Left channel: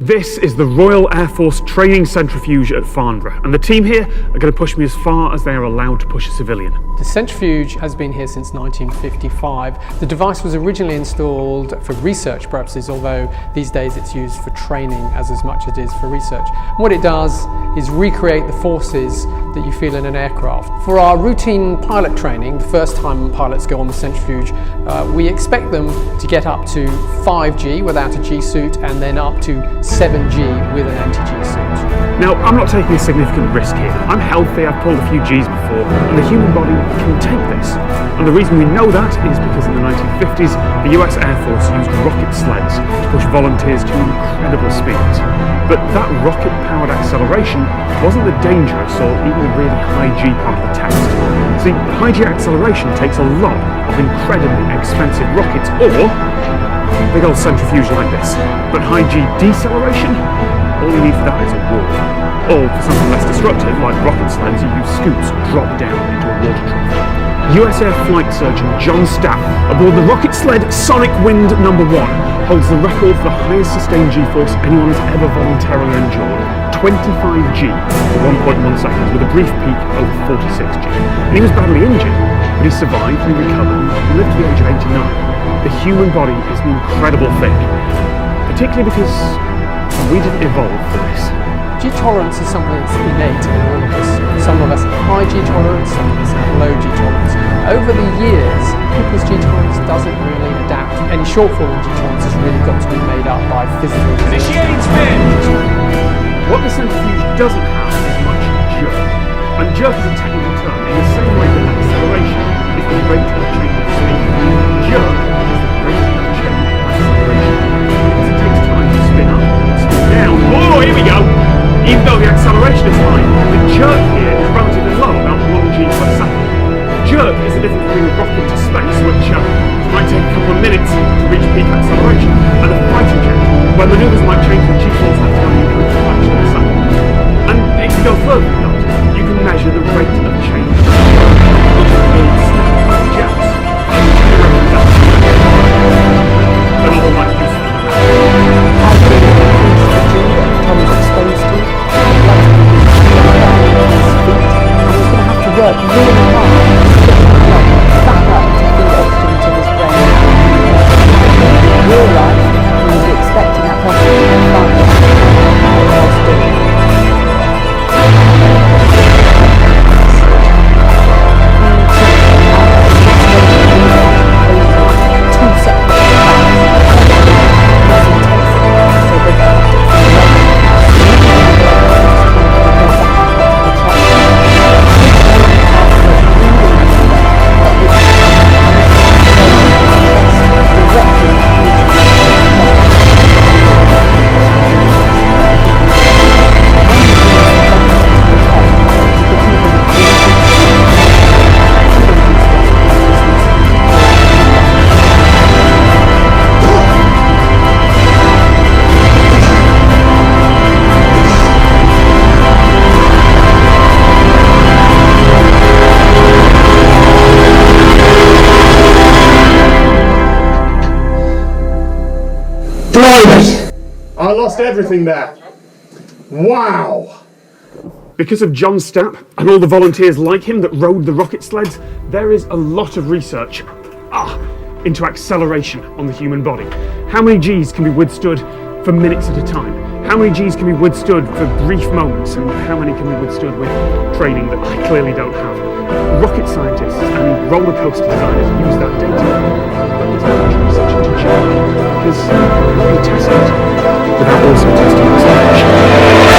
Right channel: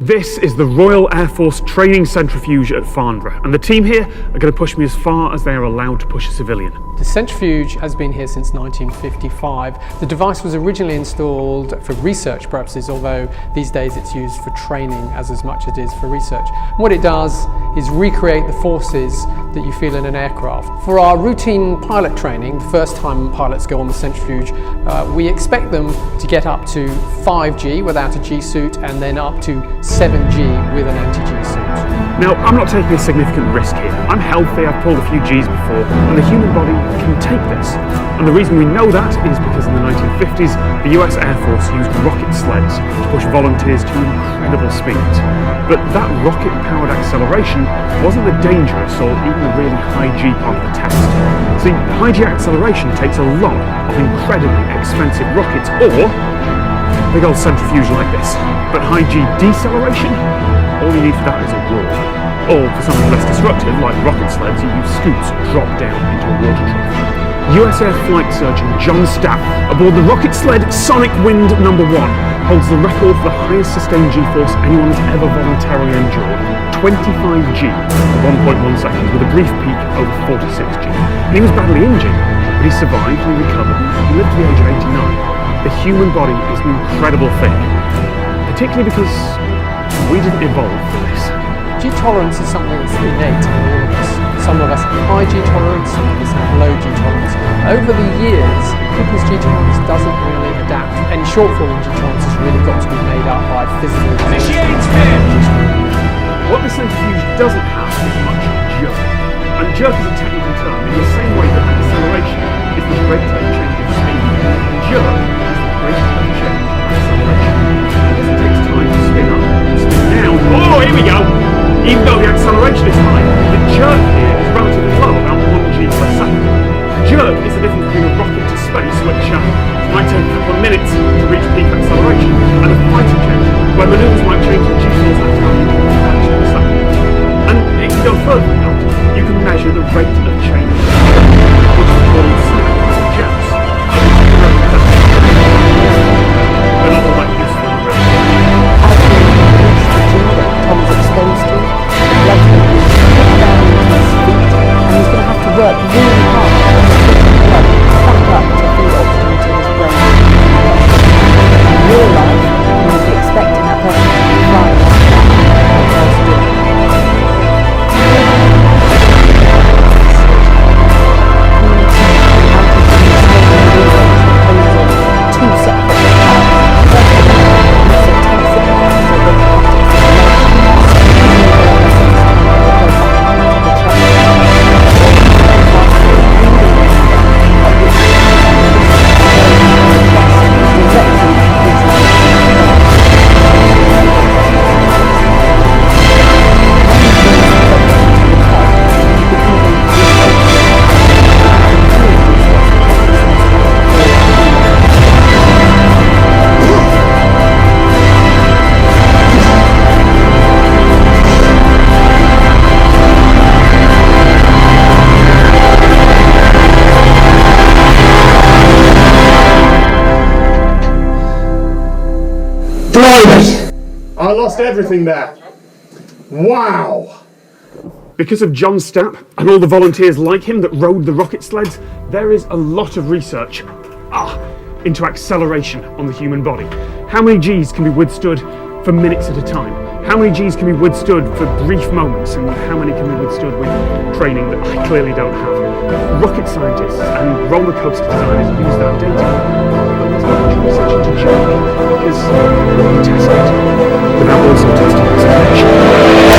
This is the Royal Air Force Training Centrifuge at Farnborough, and the team here are going to push me as far as they are allowed to push a civilian. The centrifuge has been here since 1955. The device was originally installed for research purposes, although these days it's used for training as much as it is for research. And what it does is recreate the forces that you feel in an aircraft. For our routine pilot training, the first time pilots go on the centrifuge, we expect them to get up to 5G without a G suit, and then up to 7G with an anti-G suit. Now, I'm not taking a significant risk here. I'm healthy, I've pulled a few Gs before, and the human body can take this. And the reason we know that is because in the 1950s, the US Air Force used rocket sleds to push volunteers to incredible speeds. But that rocket-powered acceleration wasn't the dangerous or even the really high G part of the test. See, high G acceleration takes a lot of incredibly expensive rockets or big old centrifuge like this. But high G deceleration? All you need for that is a wall. Or for something less destructive, like rocket sleds, you use scoops drop down into a water trough. US Air Flight Surgeon John Stapp, aboard the rocket sled Sonic Wind #1, holds the record for the highest sustained G-force anyone has ever voluntarily endured. 25 G for 1.1 seconds, with a brief peak over 46 G. And he was badly injured, but he survived and he recovered, and he lived to the age of 89. The human body is an incredible thing, particularly because we didn't evolve for this. G tolerance is something that's innate in all of us. Some of us have high G tolerance, some of us have low G tolerance. Over the years, people's G tolerance doesn't really adapt. Any shortfall in G tolerance has really got to be made up by physical Initiate spin! What the centrifuge doesn't have is much jerk. And jerk is a technical term in the same way that acceleration is the rate of change of speed. Jerk is the rate of change of acceleration. Because it takes time to spin up and spin down. Oh, here we go! Even though the acceleration is high, the jerk here is relatively low, about 1 G per second. Jerk is the difference between a rocket to space, which might take a couple of minutes to reach peak acceleration, and a fighter jet, where manoeuvres might change the G-force acting on you in a fraction of a second. And it can go further than that. You can measure the rate of change of the jerk, which is called snap jets. And the general is actually they're not all that useful around. As we increase the G that Tom's exposed to, the blood's going to be pushed down into his feet, and he's going to have to work really hard to push the blood back up to feed oxygen to his brain. In real life, we would be expecting that person to be flying out whilst doing it. We teach anti-G slowly movement composed of two separate paths. First of all, use intensity, so they have to stimulation. Usually the blood vessels come to go back up to the chest. After breathing maneuver, at which pushes slowly from the chest directly into the blood. When you bring the blood vessel to the head, you can even increase to induce loss of consciousness or healing. I lost everything there. Wow! Because of John Stapp and all the volunteers like him that rode the rocket sleds, there is a lot of research into acceleration on the human body. How many Gs can be withstood for minutes at a time? How many Gs can be withstood for brief moments? And how many can be withstood with training that I clearly don't have? Rocket scientists and roller coaster designers use that data. But there's not much research into jerk because we can test it without also testing acceleration.